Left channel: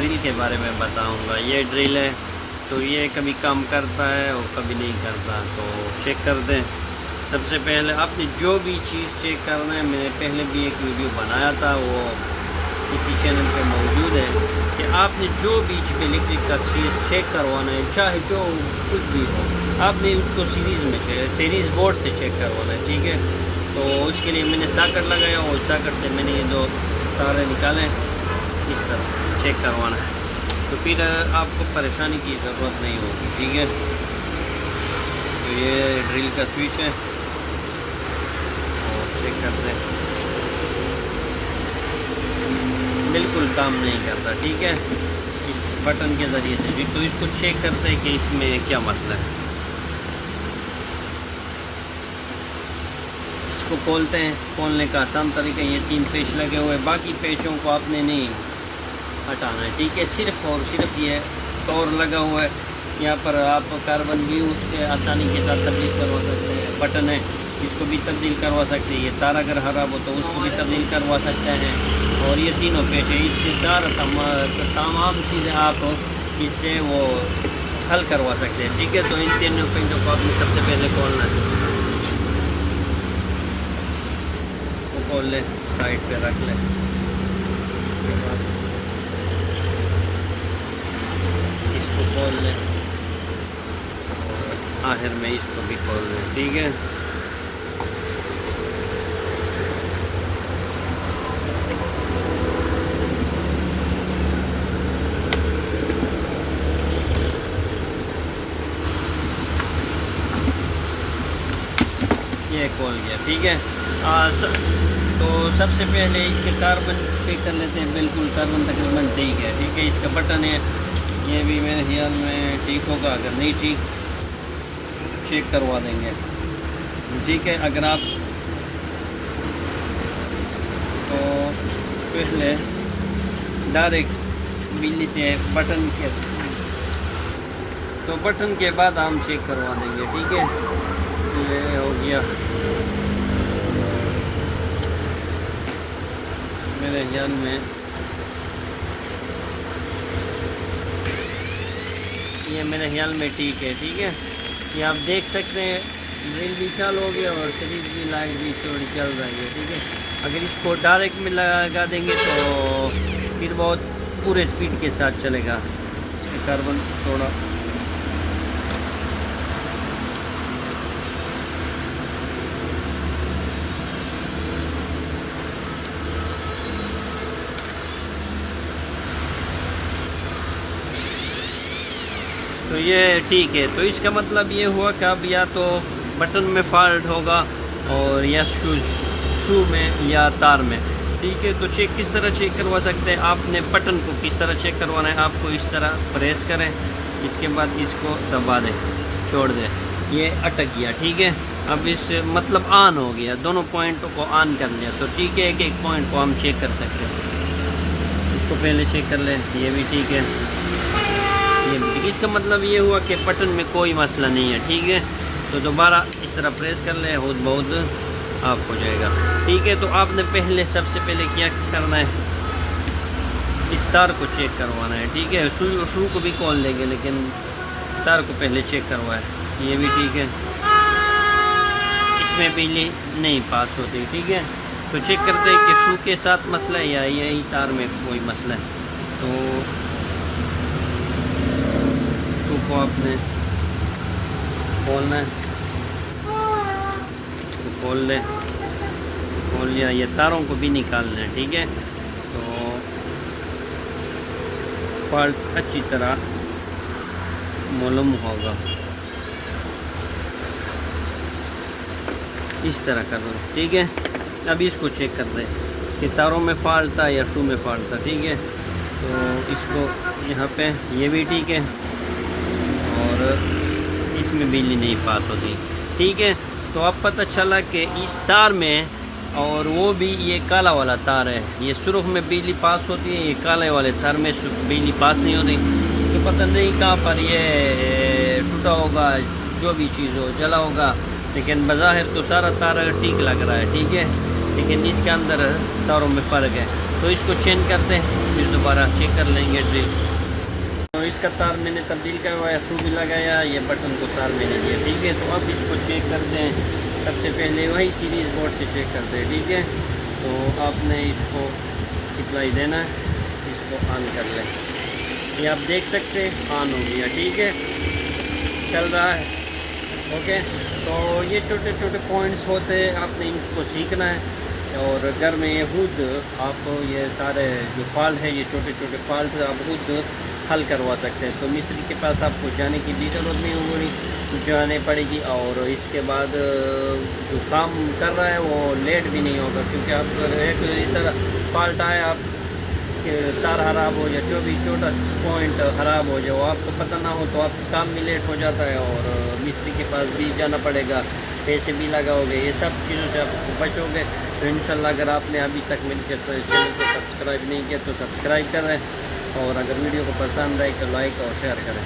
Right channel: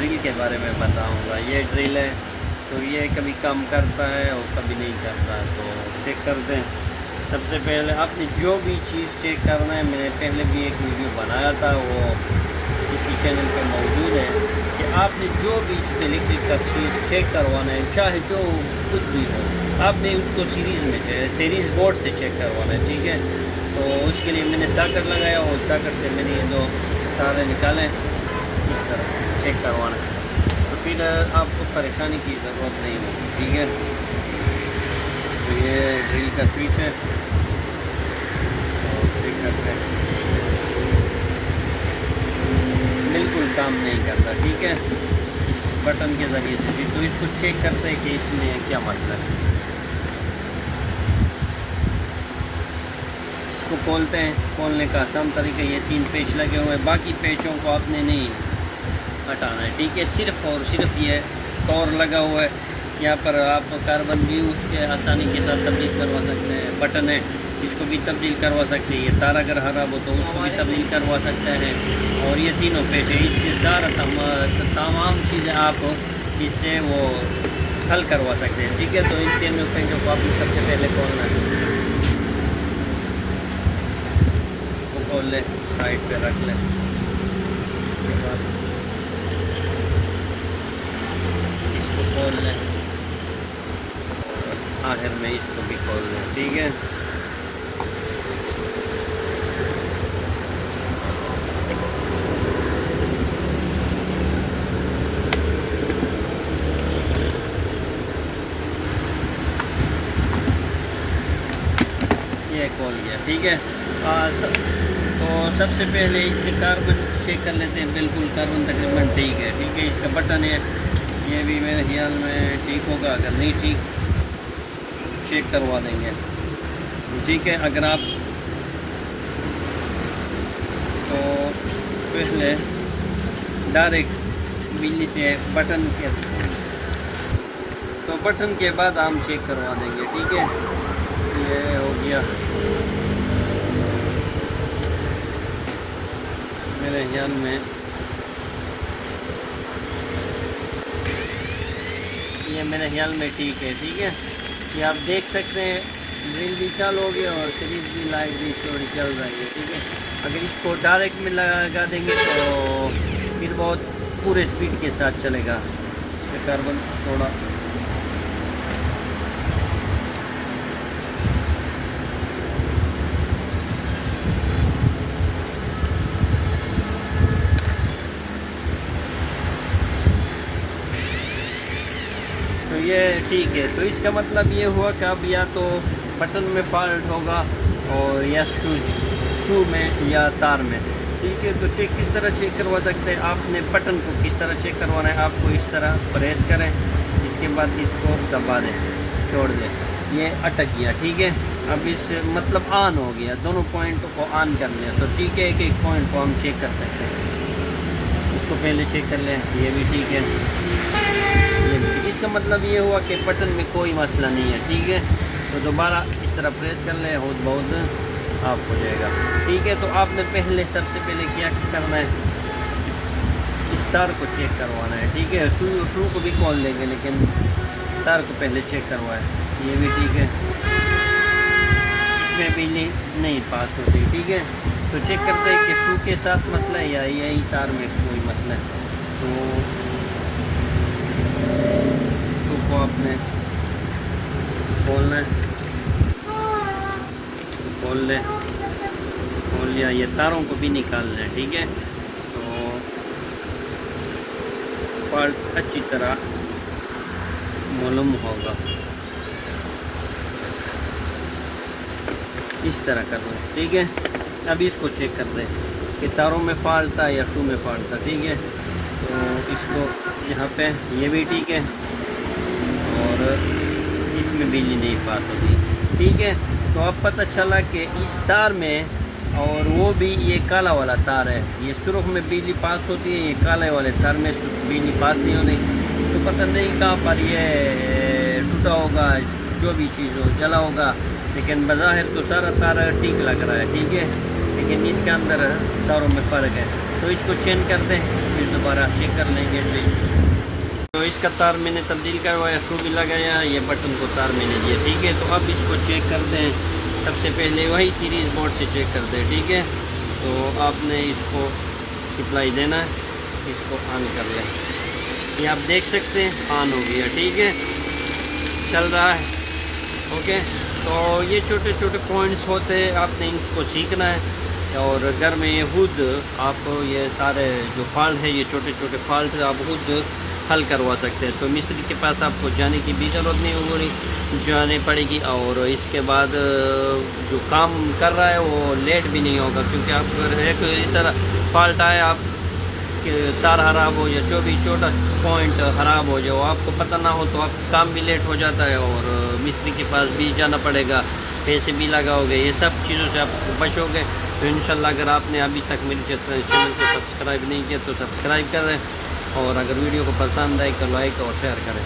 Drill के बारे में बताऊंगा। ये ड्रिल है तो ये कभी काम करता है और कभी नहीं करता, तो चेक कर दें। सबसे पहले आपने जो भी चीज़ चेक करना है, मैंने पहले भी एक वीडियो बनाया था, वो इसी चैनल पे मौजूद है, कि आपने जो भी इलेक्ट्रिक का स्विच चेक करवाना है, चाहे जो कुछ भी हो, आपने उसको सीरीज़ बोर्ड से चेक करवाना है, ठीक है। तो उसके लिए मैंने सॉकेट लगाया और सॉकेट से मैंने ये दो तारे निकाले, इस तरह चेक करवाना है, तो फिर आपको परेशानी की ज़रूरत नहीं होगी, ठीक है। तो ये ड्रिल का स्विच है, और चेक करते हैं, बिल्कुल काम नहीं करता, ठीक है, इस बटन के ज़रिए से। तो इसको चेक करते हैं कि इसमें क्या मसला है। इसको खोलते हैं, खोलने का आसान तरीका, ये 3 पेच लगे हुए हैं, बाकी पेचों को आपने नहीं हटाना है, ठीक है। सिर्फ और सिर्फ ये टॉर लगा हुआ है, यहाँ पर आप कार्बन भी उसके आसानी के साथ तब्दील करवा सकते हैं। बटन है, इसको भी तब्दील करवा सकते हैं। ये तार अगर ख़राब हो तो उसको भी तब्दील करवा सकते हैं। और ये तीनों पेच है, इसके सारा तमाम चीज़ें आप इससे वो हल करवा सकते हैं, ठीक है। तो इन तीनों पेचों को आपने सबसे पहले खोलना है, तो खोल ले, साइड पे रख ले, इसको खोल लें, आखिर में इसको भी खोल लें, ठीक है। ये खोल गया, ठीक है। तो सबसे पहले इसके कार्बन चेक कर लेते हैं, बिल्कुल कार्बन तकरीबन ठीक है, ठीक है। इसका बटन है, ये भी मेरे ख्याल में ठीक होगा, अगर नहीं ठीक चेक करवा देंगे, ठीक है। अगर आप तो पहले डायरेक्ट बिजली से बटन के बाद हम चेक करवा देंगे, ठीक है। ये हो गया मेरे ख्याल में, ये मेरे ख्याल में ठीक है, ठीक है। ये आप देख सकते हैं, ड्रिल भी चालू हो गया और सीरीज भी लाइट भी चल जाएगी, ठीक है। अगर इसको डायरेक्ट में लगा देंगे तो फिर बहुत पूरे स्पीड के साथ चलेगा, इसका कार्बन थोड़ा तो ये ठीक है। तो इसका मतलब ये हुआ कि अब या तो बटन में फॉल्ट होगा और या शू में या तार में, ठीक है। तो चेक किस तरह चेक करवा सकते हैं, आपने बटन को किस तरह चेक करवाना है, आपको इस तरह प्रेस करें, इसके बाद इसको दबा दें, छोड़ दें, ये अटक गया, ठीक है। अब इस मतलब ऑन हो गया, दोनों पॉइंटों को ऑन कर लिया, तो ठीक है। एक एक पॉइंट को हम चेक कर सकते हैं, इसको पहले चेक कर लें, ये भी ठीक है, ये भी ठीक है। इसका मतलब ये हुआ कि बटन में कोई मसला नहीं है, ठीक है। तो दोबारा इस तरह प्रेस कर लें, बहुत ऑफ हो जाएगा, ठीक है। तो आपने पहले सबसे पहले क्या करना है, इस तार को चेक करवाना है, ठीक है। शू को भी खोल लेंगे, लेकिन तार को पहले चेक करवाएं, ये भी ठीक है। इसमें बिजली नहीं पास होती, ठीक है। तो चेक करते हैं कि शू के साथ मसला है या यही तार में कोई मसला है। तो को आपने खोलना है, इसको खोल लिया, ये तारों को भी निकालना है, ठीक है। तो फॉल्ट अच्छी तरह मालूम होगा, इस तरह कर दो, ठीक है। अभी इसको चेक करते हैं कि तारों में फॉल्ट था या शू में फॉल्ट था, ठीक है। तो इसको यहाँ पे ये भी ठीक है और इसमें बिजली नहीं पास होती, ठीक है। तो अब पता चला कि इस तार में, और वो भी ये काला वाला तार है, ये सुर्ख में बिजली पास होती है, ये काले वाले तार में बिजली पास नहीं होती। तो पता नहीं कहाँ पर ये टूटा होगा, जो भी चीज़ हो जला होगा, लेकिन बज़ाहिर तो सारा तार ठीक लग रहा है, ठीक है। लेकिन इसके अंदर तारों में फ़र्क है। तो इसको चेंज कर दें, फिर दोबारा चेक कर लेंगे ड्रिल। तो इसका तार मैंने तब्दील किया हुआ है, शू भी लगाया, ये बटन को तार मैंने दिया, ठीक है। तो अब इसको चेक कर दें, सबसे पहले वही सीरीज़ बोर्ड से चेक कर दें, ठीक है। तो आपने इसको सप्लाई देना, इसको ऑन कर लें, ये आप देख सकते हैं ऑन हो गया, ठीक है, चल रहा है, ओके। तो ये छोटे छोटे पॉइंट्स होते हैं, आपने इनको सीखना है और घर में ये खुद आप ये सारे जो फॉल्ट है, ये छोटे छोटे फॉल्ट आप खुद हल करवा सकते हैं। तो मिस्त्री के पास आपको जाने की भी ज़रूरत नहीं होगी, जाने पड़ेगी। और इसके बाद जो काम कर रहा है वो लेट भी नहीं होगा, क्योंकि आप एक इस तरह फॉल्ट आए, आप तार ख़राब हो या जो भी छोटा पॉइंट ख़राब हो जाए, आपको पता ना हो तो आप काम भी लेट हो जाता है और मिस्त्री के पास भी जाना पड़ेगा, पैसे भी लगाओगे, ये सब चीज़ों से आप बचोगे। तो इंशाल्लाह अगर आपने अभी तक मेरे चैनल को सब्सक्राइब नहीं किया तो सब्सक्राइब करें, और अगर वीडियो को पसंद आए तो लाइक और शेयर करें।